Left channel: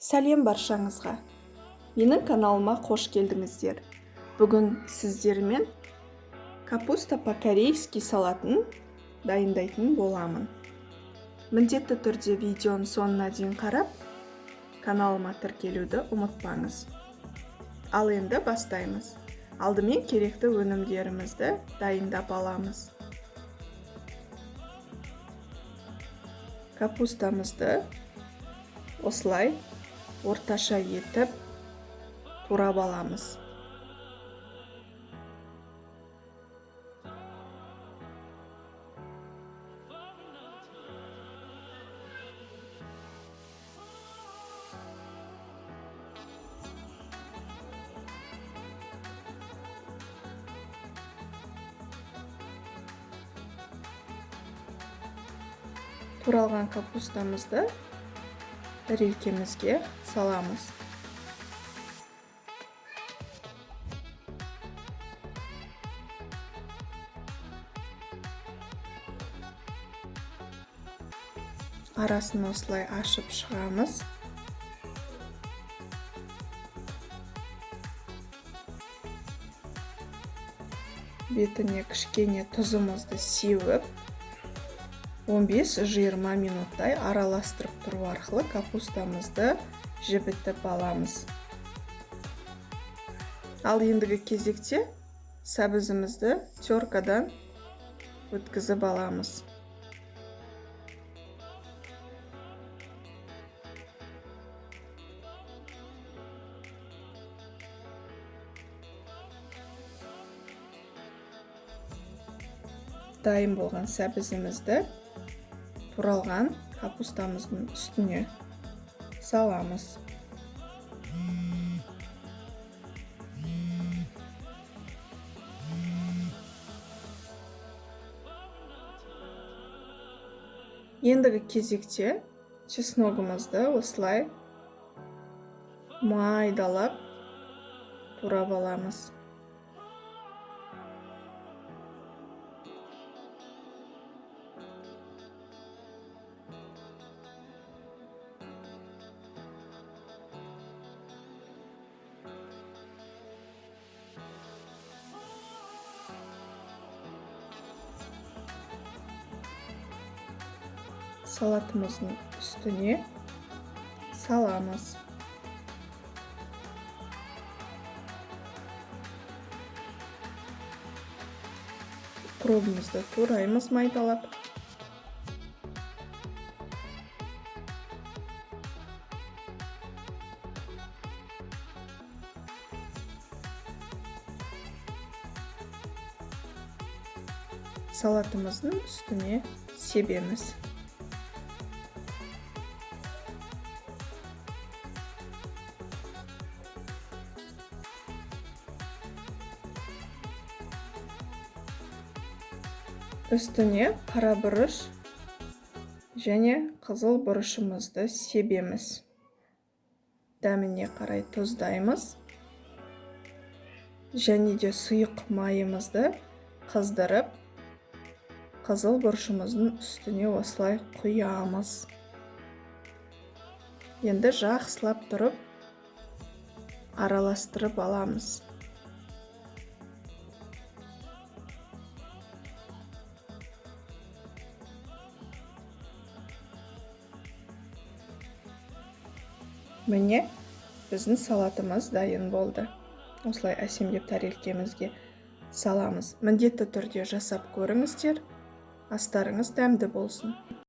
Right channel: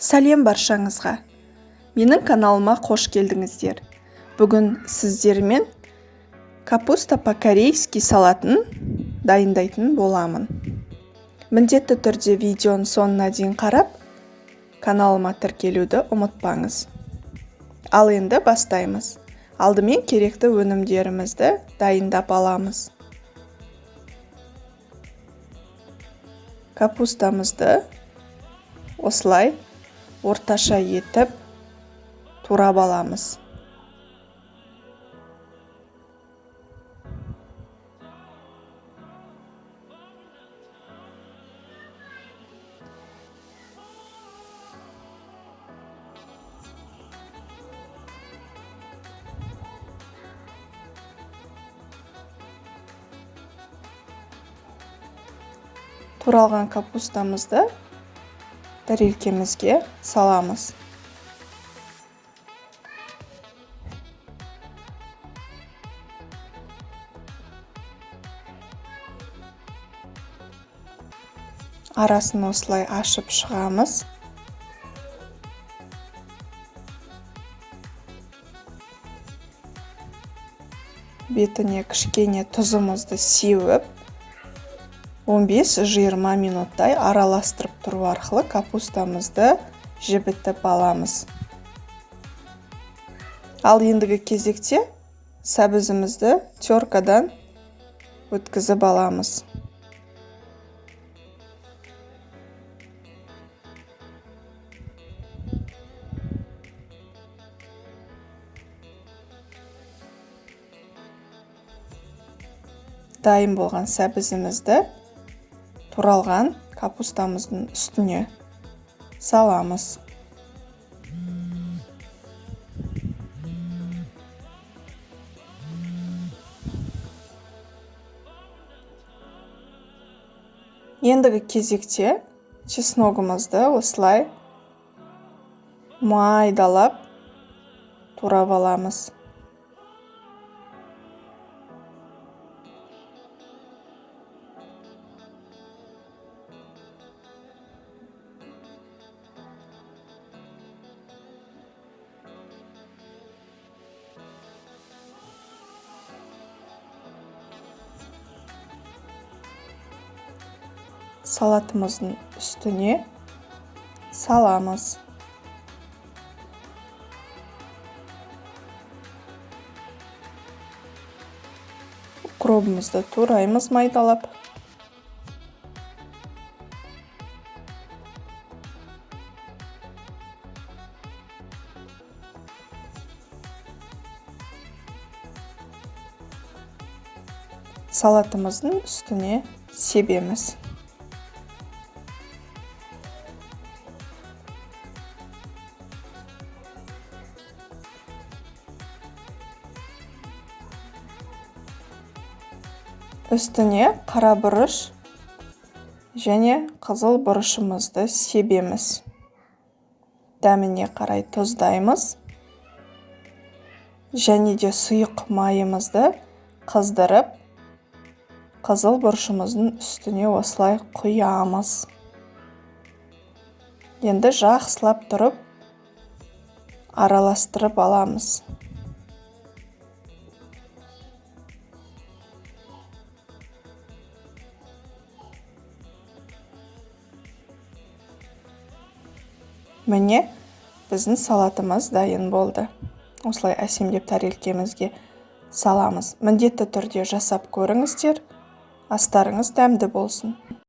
Сәлем баршаңызға. Менің каналыма қош келдіңіздер. Бүгін сіздермен капуста по-корейски салатын дайындайтын боламын. Міндетті түрде видеоның соңына дейін қарап, каналыма тіркелуді ұмытпаңыз. Ал енді бастаймыз. Алдымен керекті өнімдерімізді дайындап аламыз. Капустамызды осылай орташа етіп турап аламыз. Туралған капустамызды тарелкемізге саламыз. Арасын осылай ашып шығамыз. Бетіне кішкене тұзымызды сеуіп, 15-20 минуттай араластырып тұру арқылы капустамызды жібітіп аламыз. Ал ендігі кезекте сәбізімізді теркадан өткізіп аламыз. Дайын болған сәбізімізді туралған капустамыздың үстіне саламыз. Ендігі кезекте чесногымызды осылай майдалап турап аламыз. Салатымыздың үстіне саламыз. Укропымызды тураймыз майдалап. Салатымыздың үстіне себеміз. Үстіне қара бұрыш және қызыл бұрышымызды себеміз. Дәміне қарай тұздаймыз. Және де сұйық майымызды қыздырып, қызыл бұрышымыздың үстіне осылай құямыз. Енді жақсылап тұрып, араластырып аламыз. Міне, біздің салатымыз дайын болды. Осылай әсемдеп тарелкемізге саламыз. Міндетті түрде жасап көріңіздер. Астарыңыз дәмді болсын.